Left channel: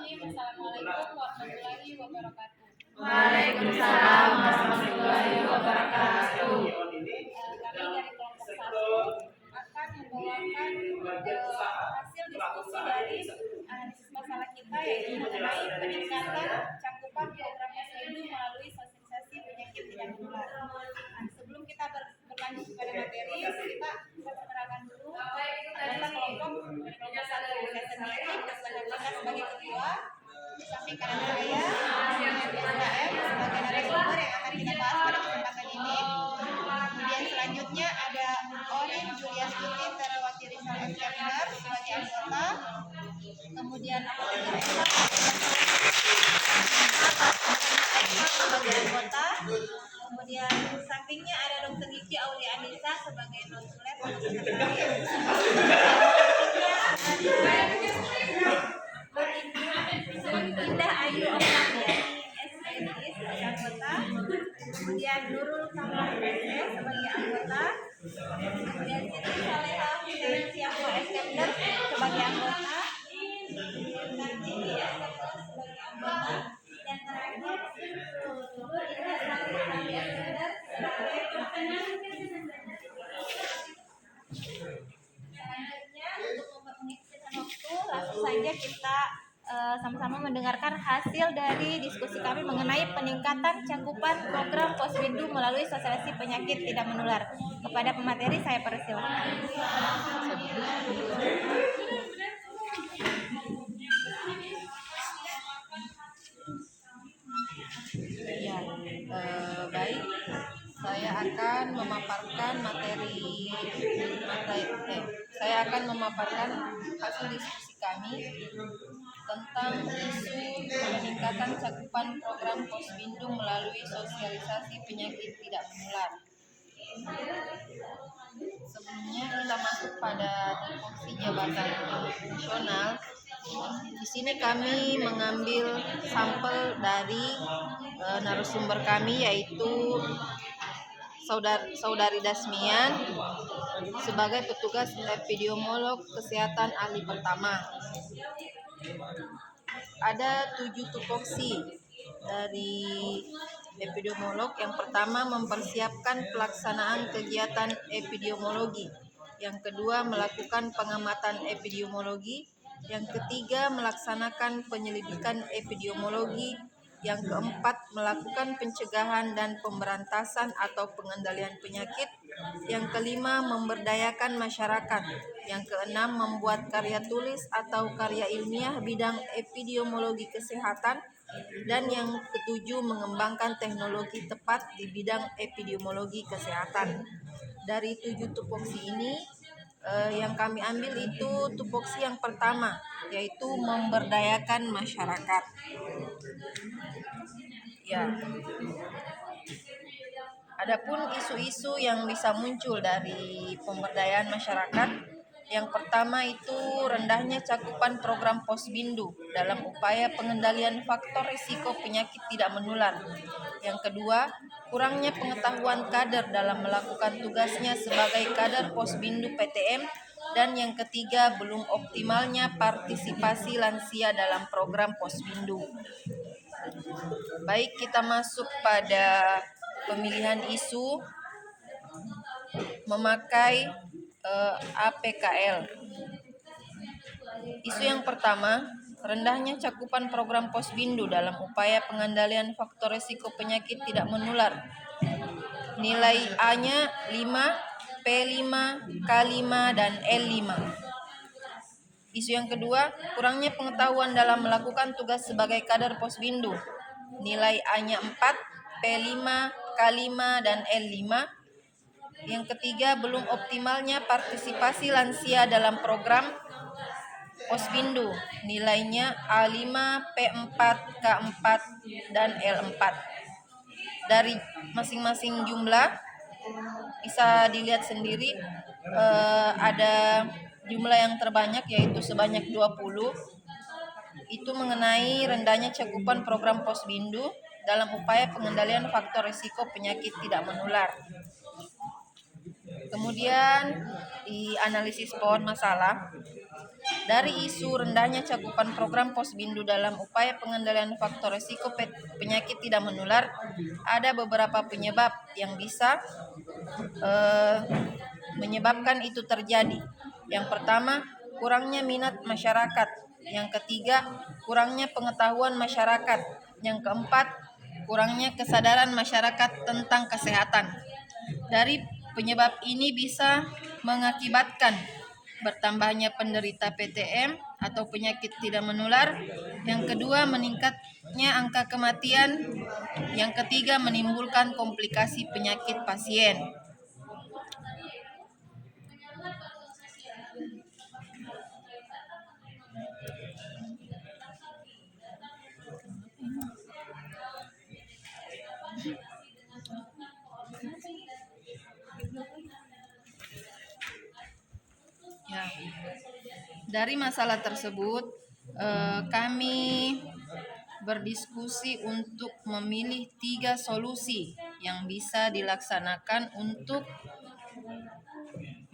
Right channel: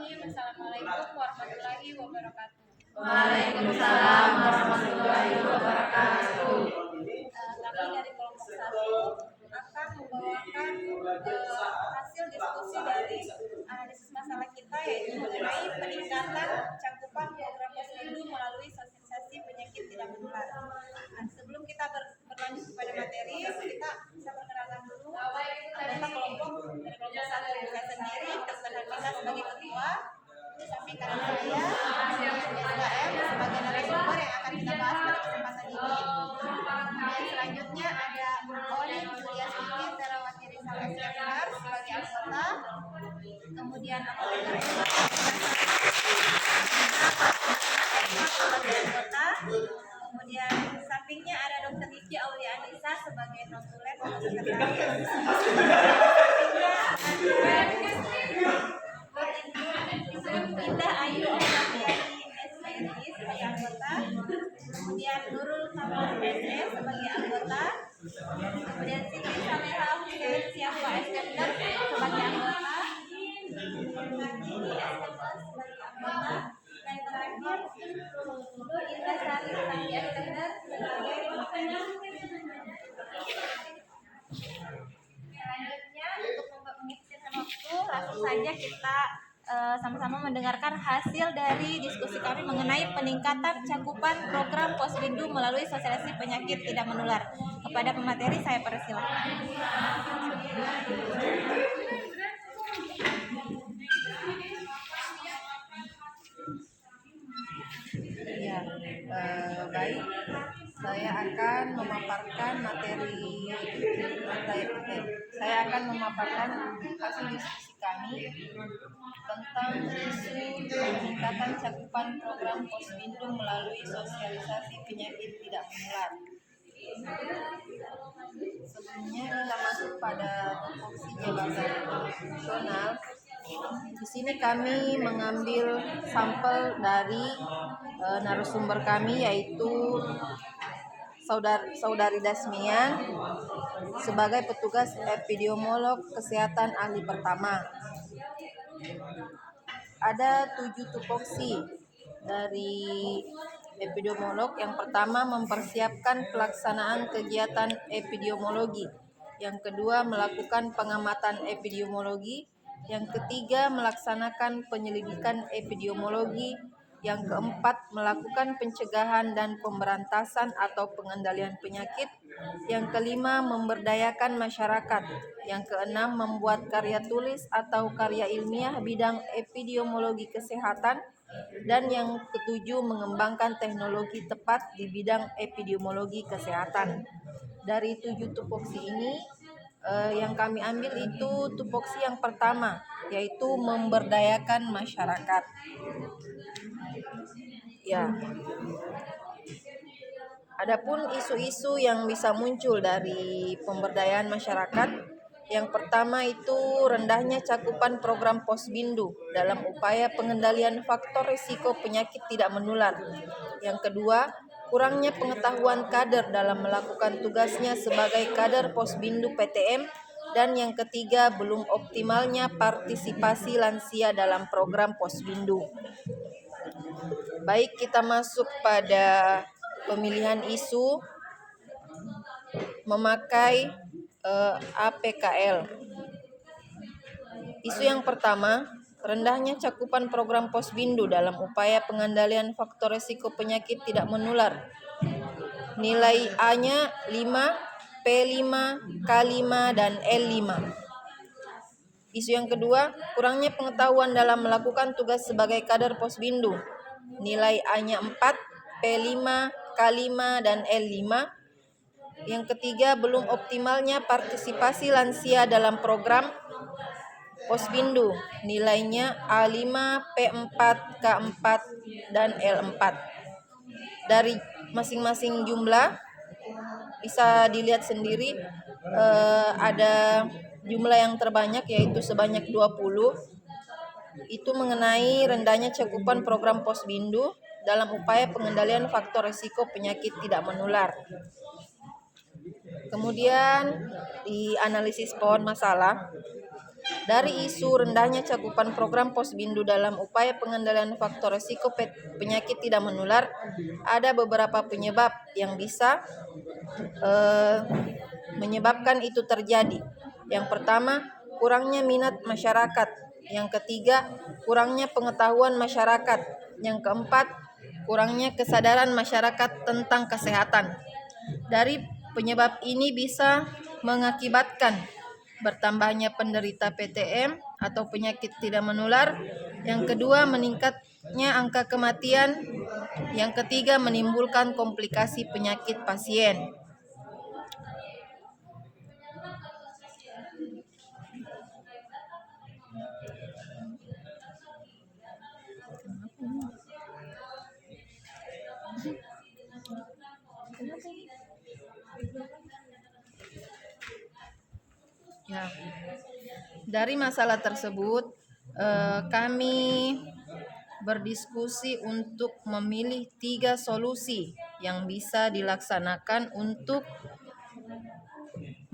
Bismillahirrahmanirrahim. Assalamualaikum warahmatullahi wabarakatuh. Waalaikumsalam warahmatullahi wabarakatuh. Kami dari kelompok 1 akan membawakan hasil diskusi dari analisis masalah kita, yaitu mengenai peningkatan cakupan program posyandu melalui sosialisasi penyakit tidak menular. Sebelum kita berlanjut kepada materi, kita perkenalkan dulu anggota kelompok dari kelompok 1. Saya sendiri Nita sebagai ketua, di samping kanan saya SKM sebagai narasumber yang akan kita bahas pada kesempatan ini. Kemudian selanjutnya ada Orin Julia Stuti Terawati Rizal SKM sebagai anggota. Kemudian sebagai anggota. Kemudian sampingnya ada Dr. Gigi Auri Anissa sebagai non-tulen sekretaris. Indah Ayu Oktaviani SPNI sebagai anggota. Kemudian Nurul Kamal SS sebagai anggota. Kemudian Siti Saleha Hussein Siapa SKM sebagai anggota. Kartini SKM sebagai anggota. Dan terakhir Nur Indah Sari Sami SKM sebagai anggota. Selanjutnya untuk menghabiskan waktu, langsung saja kita sama-sama mendengarkan hasil dari diskusi kami mengenai peningkatan cakupan program posyandu melalui sosialisasi penyakit tidak menular. Kepada pemateri saya persilahkan. Baik, saya akan memaparkan hasil diskusi kami tentang isu peningkatan cakupan program posyandu melalui sosialisasi penyakit tidak menular. Sebelumnya kita masuk pada tupoksi jabatan nasional. Di sini kami mengambil sampel dari narasumber kami, yaitu Saudari Dasmian sebagai petugas epidemiolog kesehatan ahli pertama. Ada 7 tupoksi dari epidemiolog. Yang pertama, mempersiapkan pelaksanaan kegiatan epidemiologi. Yang kedua, melakukan pengamatan epidemiologi. Yang ketiga, melaksanakan penyelidikan epidemiologi. Yang keempat, melakukan pencegahan dan pemberantasan atau pengendalian penyakit. Yang kelima, memberdayakan masyarakat. Yang keenam, membuat karya tulis atau karya ilmiah bidang epidemiologi kesehatan. Dan yang ketujuh, mengembangkan teknologi tepat di bidang epidemiologi kesehatan. Dari 7 tupoksi ini, yang kami ambil itu tupoksi yang pertama, yaitu memberdayakan masyarakat. Ya. Adapun isu-isu yang bisa muncul dari pemberdayaan masyarakat, yang pertama itu rendahnya cakupan program posbindu dalam upaya pengendalian faktor risiko penyakit tidak menular. Yang kedua, kurangnya pengetahuan kader dalam melakukan tugasnya sebagai kader posbindu PTM. Dan yang ketiga, belum optimalnya partisipasi lansia dalam program posbindu. Baik, kita masuk pada pemilihan isu memakai APKL. Isu yang pertama, rendahnya cakupan program posbindu dalam upaya pengendalian faktor risiko penyakit tidak menular. Nilai A-nya 5, P5, K5, dan L5. Isu yang kedua, kurangnya pengetahuan dalam melakukan tugas sebagai kader posbindu. Nilai A-nya 4, P5, K5, dan L5. Yang ketiga, belum optimalnya partisipasi lansia dalam program posbindu. Nilainya A5, P4, K4, dan L4. Dari masing-masing jumlah bisa dilihat sendiri, ada jumlah yang terbanyak yaitu sebanyak 20. Itu mengenai rendahnya cakupan program posbindu dalam upaya pengendalian faktor risiko penyakit tidak menular. Kemudian di analisis pohon masalah, Dari isu rendahnya cakupan program Posbindu dalam upaya pengendalian faktor risiko penyakit tidak menular, ada beberapa penyebab yang bisa menyebabkan itu terjadi. Yang pertama, kurangnya minat masyarakat. Yang ketiga, kurangnya pengetahuan masyarakat. Yang keempat, kurangnya kesadaran masyarakat tentang kesehatan. Dari penyebab ini bisa mengakibatkan bertambahnya penderita PTM atau penyakit tidak menular. Yang kedua, meningkatnya angka kematian. Yang ketiga, menimbulkan komplikasi penyakit pasien. Ya, dari masalah tersebut kami berdiskusi untuk memilih 3 solusi yang bisa dilaksanakan untuk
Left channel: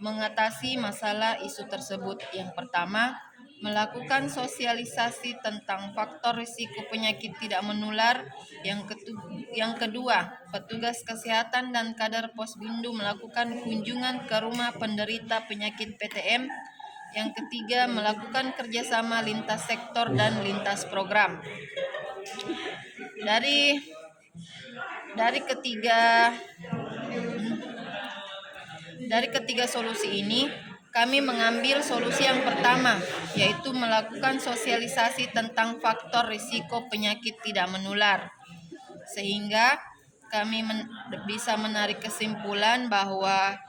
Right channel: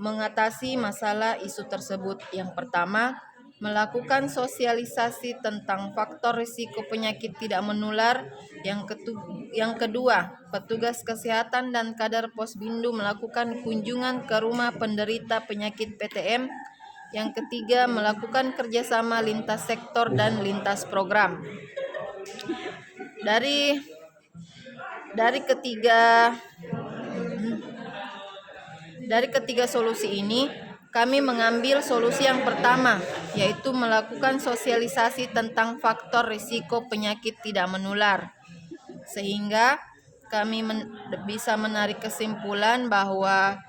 mengatasi masalah isu tersebut. Yang pertama, melakukan sosialisasi tentang faktor risiko penyakit tidak menular. Yang kedua, petugas kesehatan dan kader Posbindu melakukan kunjungan ke rumah penderita penyakit PTM. Yang ketiga, melakukan kerjasama lintas sektor dan lintas program. Dari ketiga solusi ini, kami mengambil solusi yang pertama, yaitu melakukan sosialisasi tentang faktor risiko penyakit tidak menular. Sehingga kami bisa menarik kesimpulan bahwa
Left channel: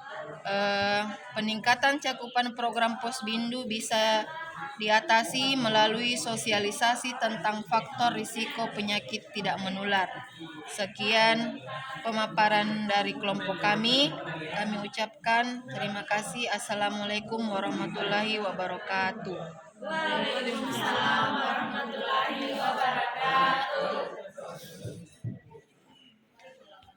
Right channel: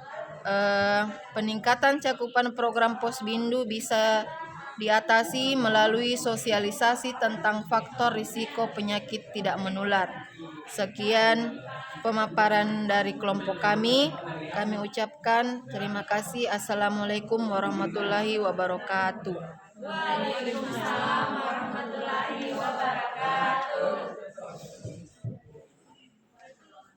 peningkatan cakupan program Posbindu bisa diatasi melalui sosialisasi tentang faktor risiko penyakit tidak menular. Sekian pemaparan dari kelompok kami. Kami ucapkan terima kasih. Assalamualaikum warahmatullahi wabarakatuh. Waalaikumsalam.